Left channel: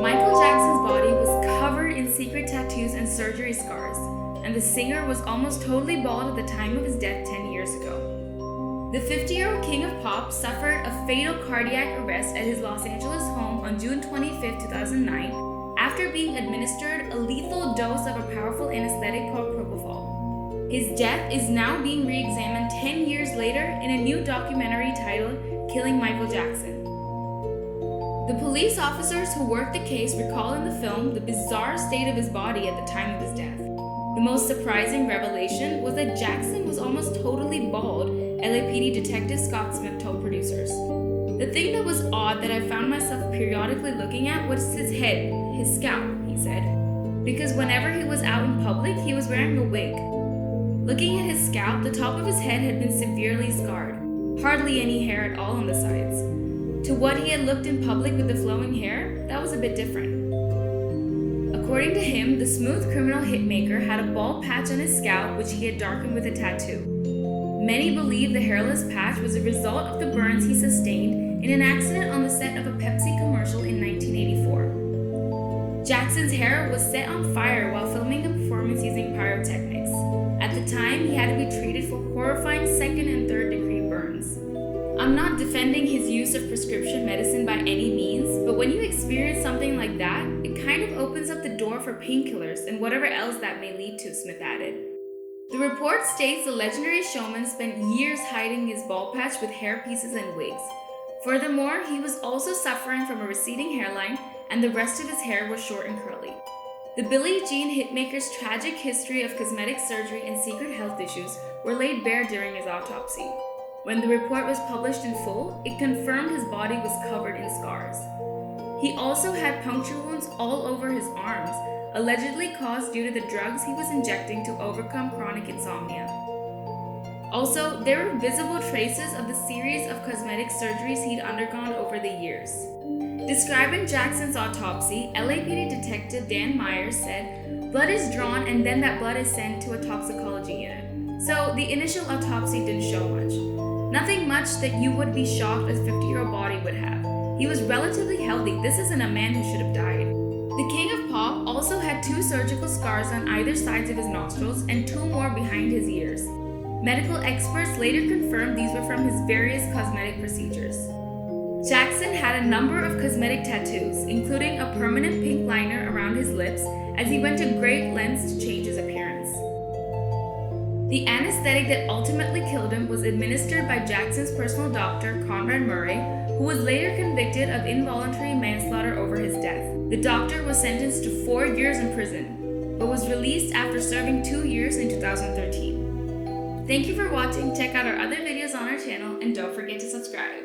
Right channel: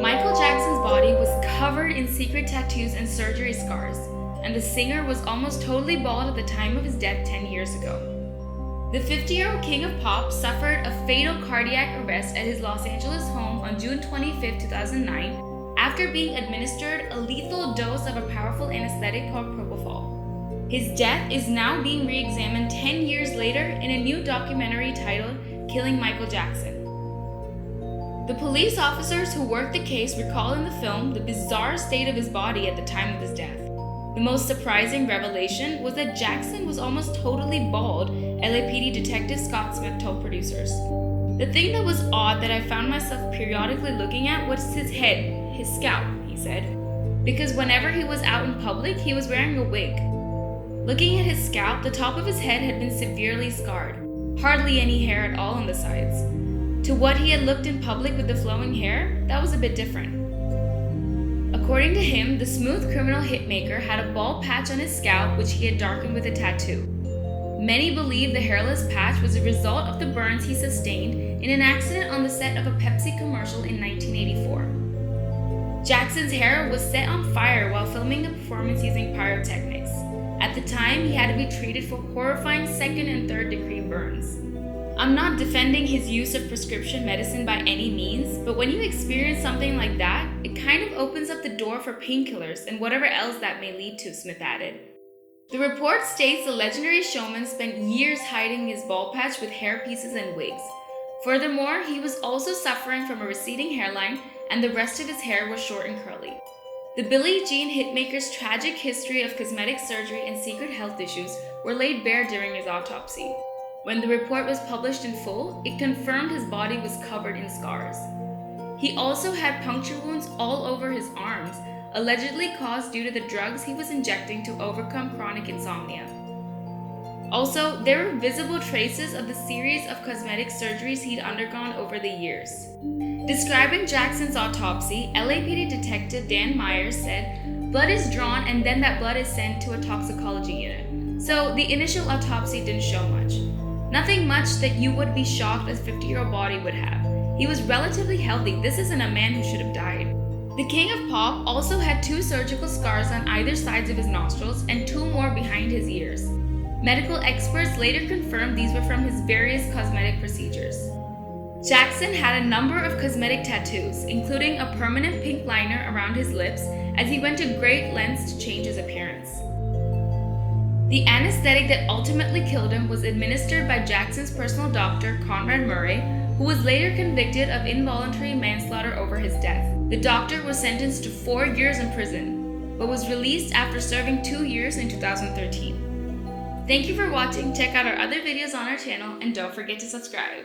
Michael Jackson's body was covered in secret tattoos and surgery scars, and the singer was almost totally bald at the time of his death 10 years ago. The 50-year-old king of pop suffered a fatal cardiac arrest at his Los Angeles home on June 25, 2009, after being administered a lethal dose of a powerful anesthetic called Propofol. His death is now being re-examined 10 years later in a new documentary titled Killing Michael Jackson. The police officers who worked the case recall in the film the bizarre state of his body at the time of his death. The most surprising revelation was that Jackson was almost totally bald, LAPD Detective Scott Smith told producers. The thing that was odd that I found myself periodically looking at was his head, his scalp, he said. Because whenever he was out in public, he was wearing a wig. Looking at his scalp, the top of his head had been severely scarred, hardly any hair at all on the sides. To what he had looked in public with the flowing hair, that was a bit different. According to him, the smooth criminal hitmaker had a bald patch on his scalp which he had darkened with a tattoo. Many believe the hairless patch was a result of the burns he sustained in an accident on the set of a Pepsi commercial in 1984. Jackson's hair was set on fire while filming a performance using pyrotechnics. At the time, he had to be treated for horrifying second and third degree burns. I'm not defending his use of prescription medicine by any means, but when you experience something like that, it kind of opens up the door for painkillers and whatever else that may lead to, Smith added. The report states the legendary showman spent years hiding his bald patch with hair pieces and wigs. Furthermore, he was also suffering from a receding hairline, and the rest of his hair was short and curly. The Billie Jean hitmaker's tragic history of cosmetic surgery and secret health issues were laid bare during his autopsy. When the report was published in full, it confirmed his body was covered in scars. He also had puncture wounds all over his arms, allegedly caused due to the drugs he was injecting to overcome chronic insomnia. Also, there were visible traces of the series of cosmetic surgeries he'd undergone over the years. Describing Jackson's autopsy, LAPD Detective Dan Myers said, "Blood is drawn and then that blood is sent to a toxicology unit. So the initial autopsy didn't show much. Nothing much that you would be shocked a 50-year-old body would have. He was relatively healthy. This isn't a man who should have died." The king of pop also had 2 surgical scars on either sides of his nostrils and 2 more behind his ears. Medical experts later confirmed these were from his various cosmetic procedures. Jackson had a number of cosmetic tattoos, including a permanent pink liner around his lips, as he went to great lengths to change his appearance. The anesthetic that ultimately killed him was administered by Jackson's personal doctor, Conrad Murray, who was later convicted of involuntary manslaughter over his death. The doctor was sentenced to 4 years in prison, but was released after serving 2 years in 2013. Thank you for watching. Check out our other videos on our channel and don't forget to subscribe.